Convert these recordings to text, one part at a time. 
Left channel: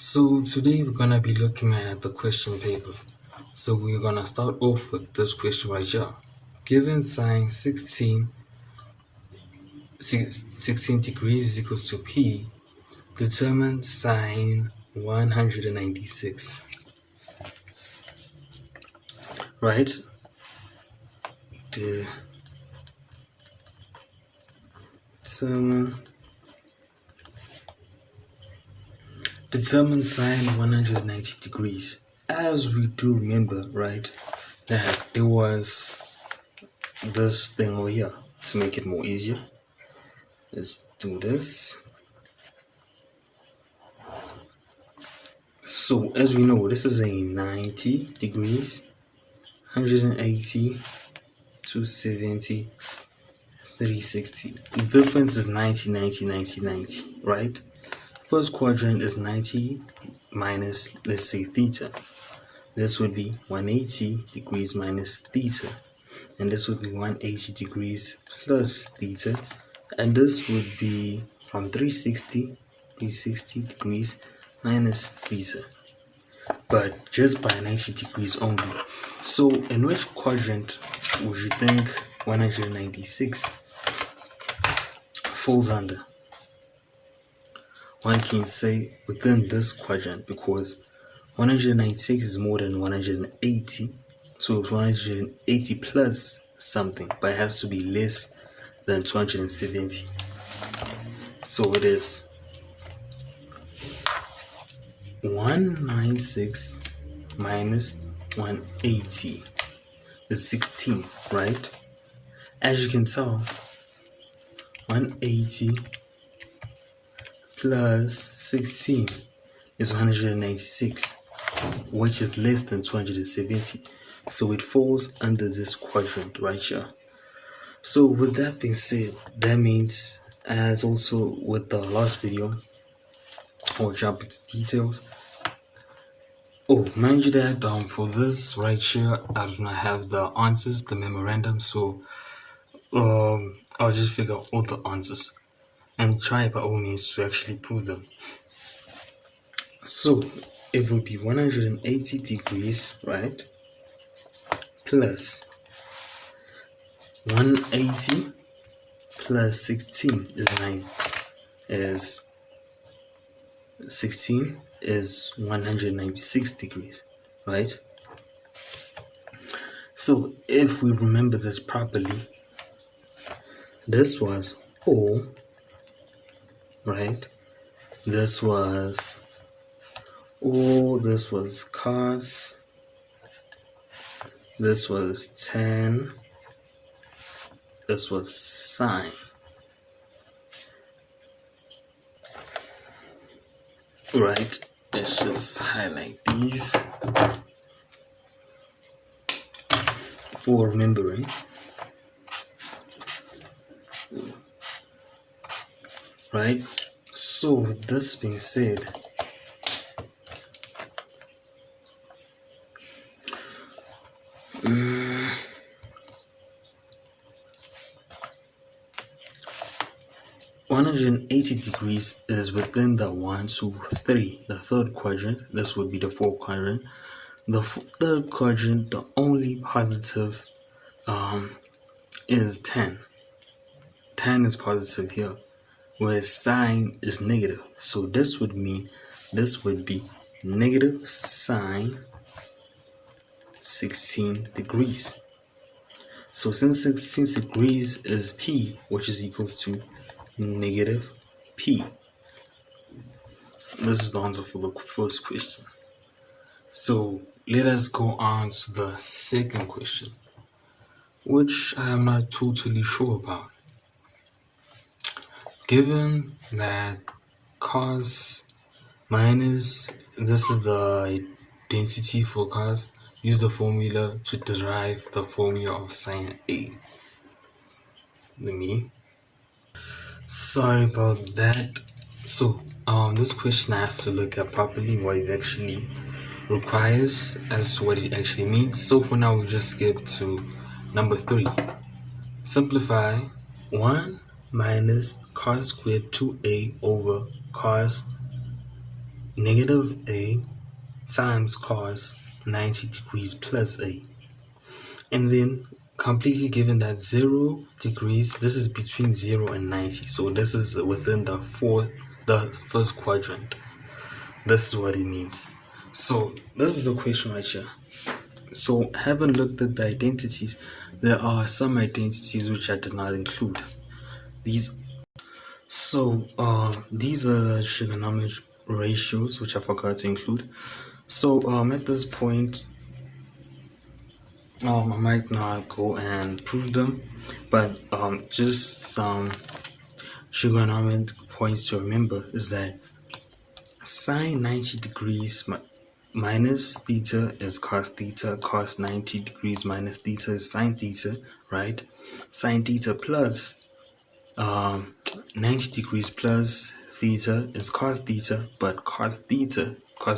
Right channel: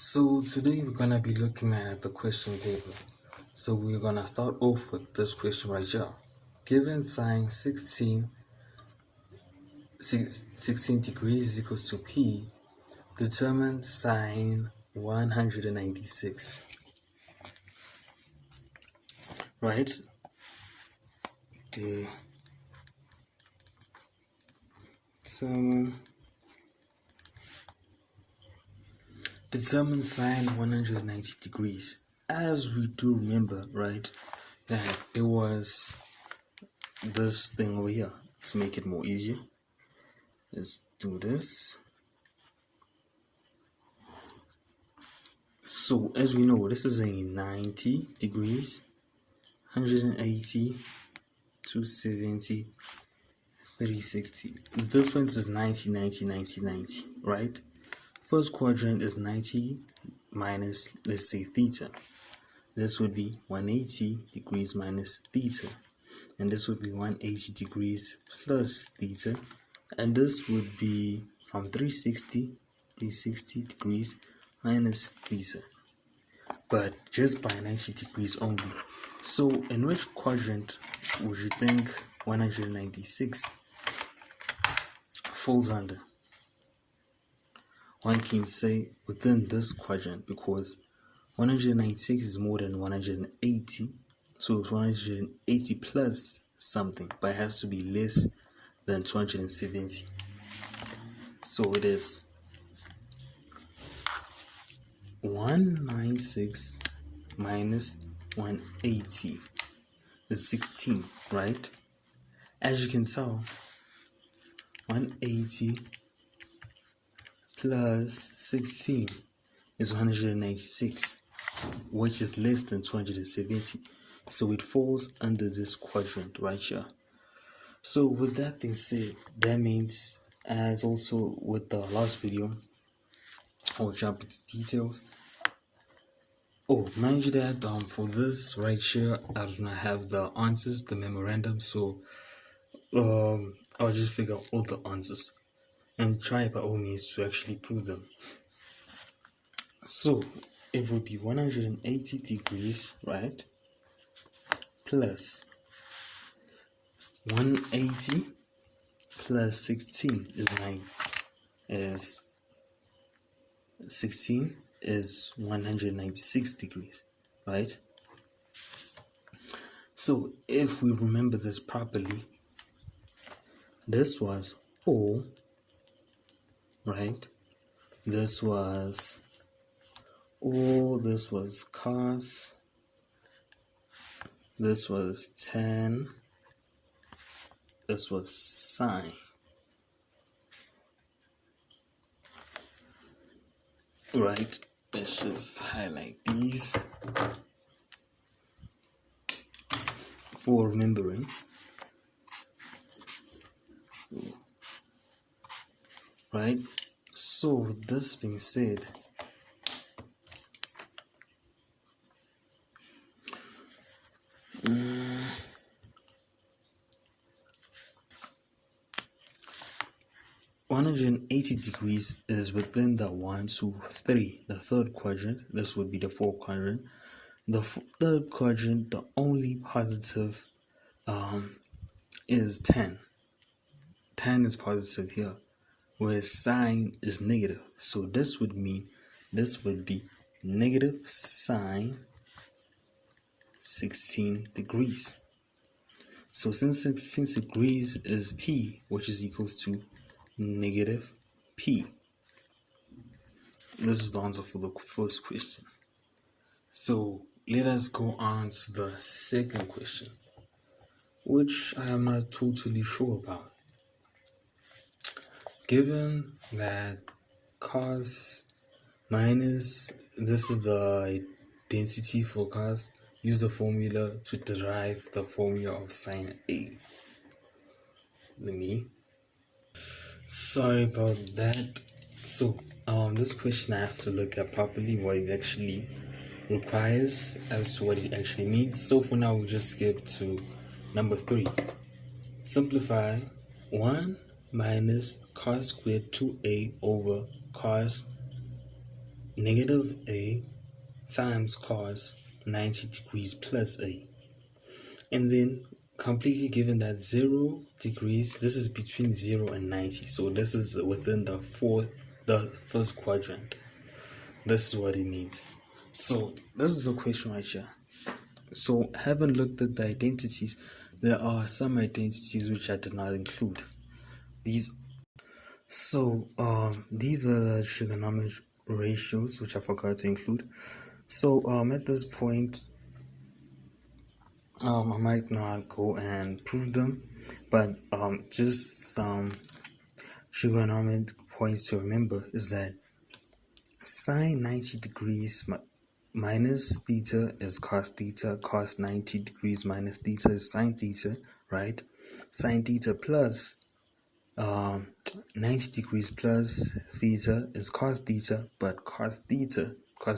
So today we're gonna be looking at the question paper. So we're gonna start off with this question right here. Given sine 16 degrees is equals to P, determine sine 196. Right? Determine sine 190 degrees. As we do remember, right, that it was this thing over here. To make it more easier, let's do this. So as we know, this is a 90 degrees, 180, 270, 360. The difference is 90, 90, 90, 90, right? First quadrant is 90 minus, let's say, theta. This would be 180 degrees minus theta. And this would be 180 degrees plus theta. And this would be from 360 degrees minus theta. But just by 90 degrees only. So in which quadrant would you think 196 falls under? One can say within this quadrant, because 196 is more than 180. So it's 180 plus something, but it has to be less than 270. So it is 196 minus 180 is 16, right? As you can tell, 180 plus 16 is 196, which is less than 270. So it falls under this quadrant right here. So with that being said, that means, as also with the last video, I'll jump into details. Oh, mind you that for this right here, I do not have the answers, the memorandum, so I'll just figure out all the answers and try by all means to actually prove them. So it would be 180 degrees, right, plus 180 plus 16 is 9, is 16 is 196 degrees, right? So if we remember this properly, this was O, right? This was O, this was cos, this was tan, this was sine. Right, let's just highlight these for remembering. Right, so with this being said, (180 degrees is within the 1, 2, 3, the third quadrant. This would be the fourth quadrant. The third quadrant, the only positive is tan. Tan is positive here, whereas sine is negative. So this would mean this would be negative sine 16 degrees. So since 16 degrees is P, which is equals to negative P. This is the answer for the first question. So let us go on to the second question, which I am not totally sure about. Given that cos minus, this is the identity for cos, use the formula to derive the formula of sine A. Sorry about that. So this question I have to look at properly what it actually requires as to what it actually means. So for now, we'll just skip to number 3. Simplify 1 minus cos squared 2a over cos negative a times cos 90 degrees plus a. And then completely given that 0 degrees, this is between 0 and 90. So this is within the first quadrant. This is what it means. So this is the question right here. So having looked at the identities, there are some identities which I did not include. These are the trigonometric ratios which I forgot to include. So at this point, I might not go and prove them, but just some trigonometric points to remember is that sine 90 degrees minus theta is cos theta, cos 90 degrees minus theta is sine theta, right? Sine theta plus 90 degrees plus theta is cos theta, but cos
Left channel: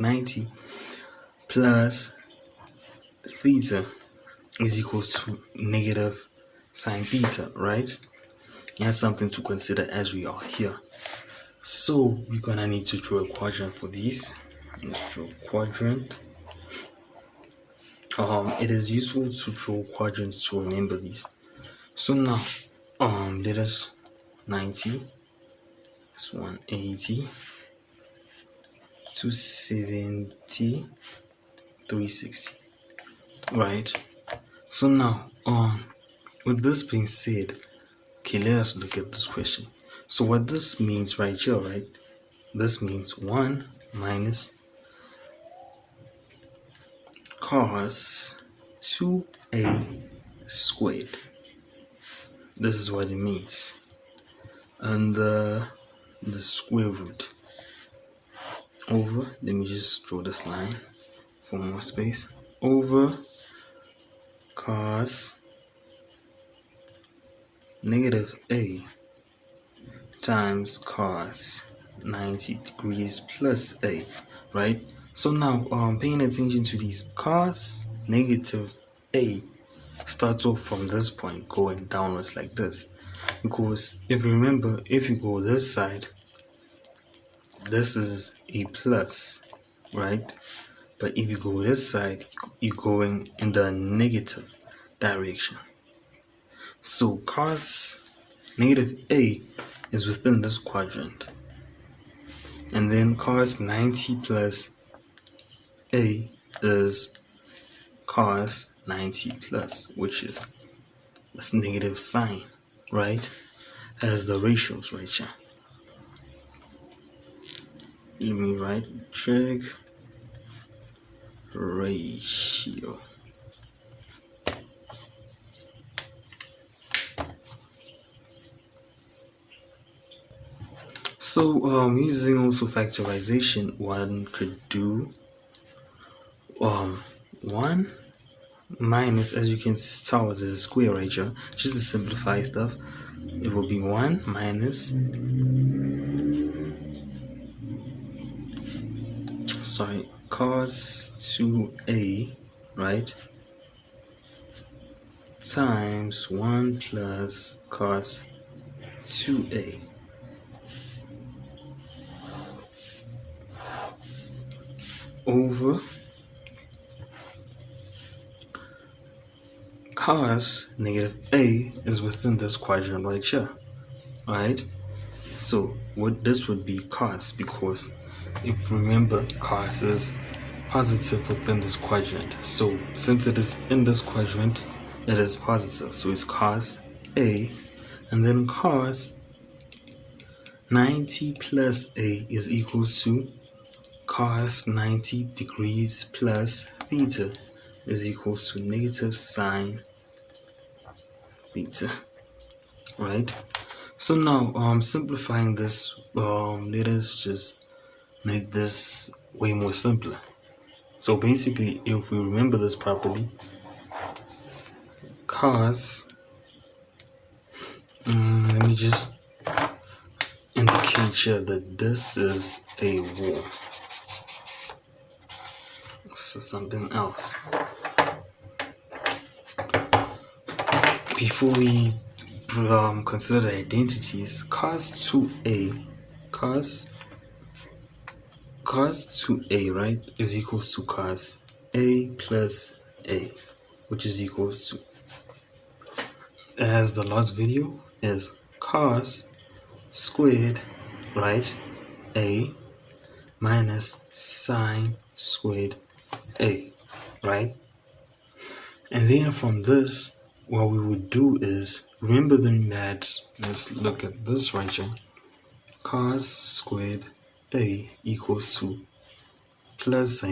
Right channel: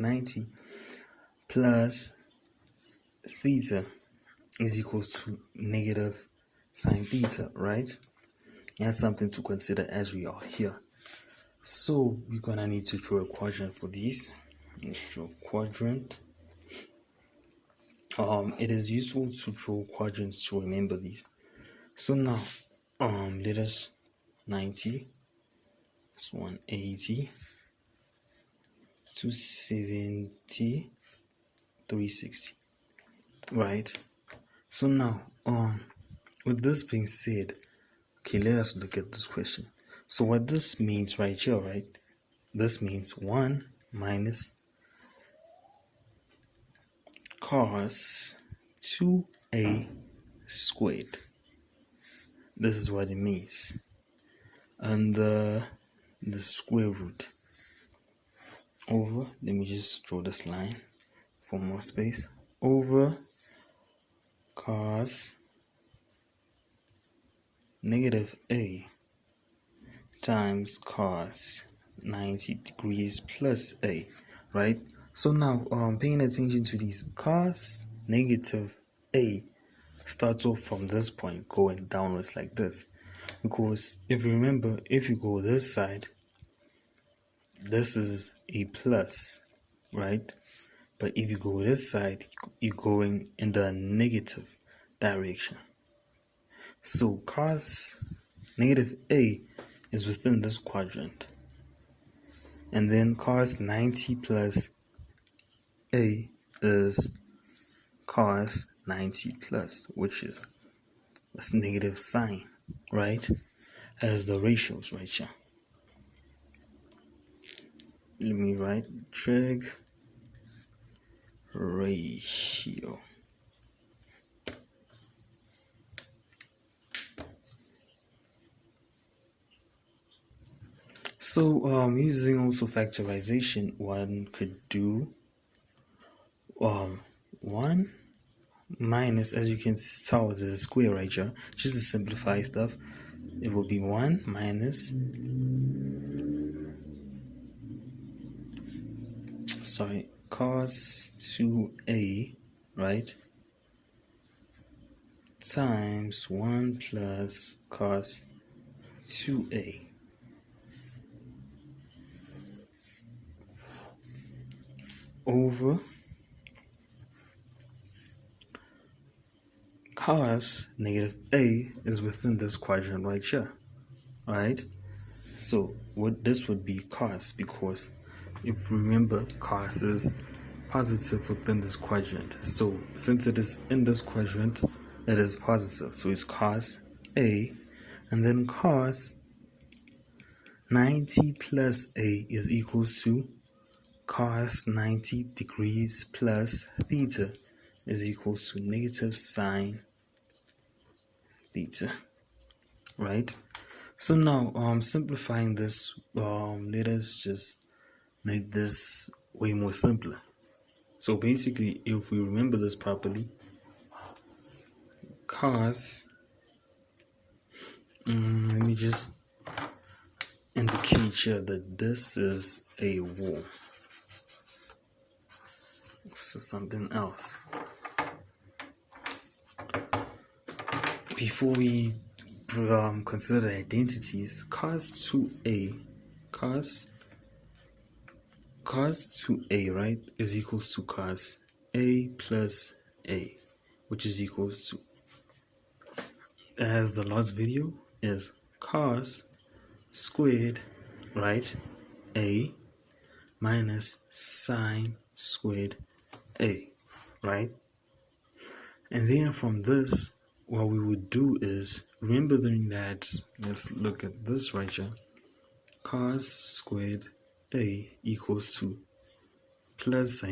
90 plus theta is equals to negative sine theta, right? That's something to consider as we are here. So we're gonna need to draw a quadrant for these. Let's draw a quadrant. It is useful to draw quadrants to remember these. So now let us 90, this 180, 270, 360. Right. So now with this being said, okay, let us look at this question. So what this means right here, right? This means 1 minus cos 2a squared. This is what it means. And the square root over, let me just draw this line for more space, over cos negative a times cos 90 degrees plus a, right? So now paying attention to these, cos negative a starts off from this point going downwards like this, because if you remember, if you go this side, this is a plus, right? But if you go this side, you're going in the negative direction. So cos negative a is within this quadrant, and then cos 90 plus a is cos 90 plus, which is this negative sign, right, as the ratios right here. Let me write trig ratio. So using also factorization, one could do 1 minus, as you can tell, there's a square right here, just to simplify stuff. It will be 1 minus cos 2a, right, times 1 plus cos 2a over cos negative a is within this quadrant right here, right? So what this would be cos, because if you remember, cos is positive within this quadrant. So since it is in this quadrant, it is positive. So it's cos a, and then cos 90 plus a is equals to cos 90 degrees plus theta is equals to negative sine theta, right? So now simplifying this, let us just make this way more simpler. So basically, if we remember this properly, cos, let me just indicate here that this is a wall. This is something else. Before we consider the identities, cos 2a cos 2a, right, is equals to cos a plus a, which is equals to, as the last video, is cos squared, right, a minus sine squared a, right? And then from this, what we would do is, remember that, let's look at this right here, cos squared a equals to plus,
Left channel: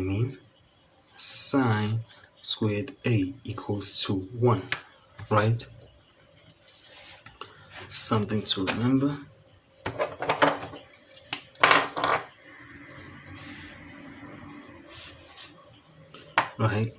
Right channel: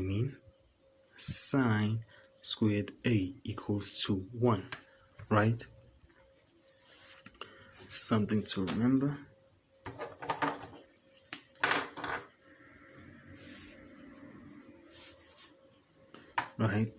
sine squared a equals to 1, right? Something to remember. Right?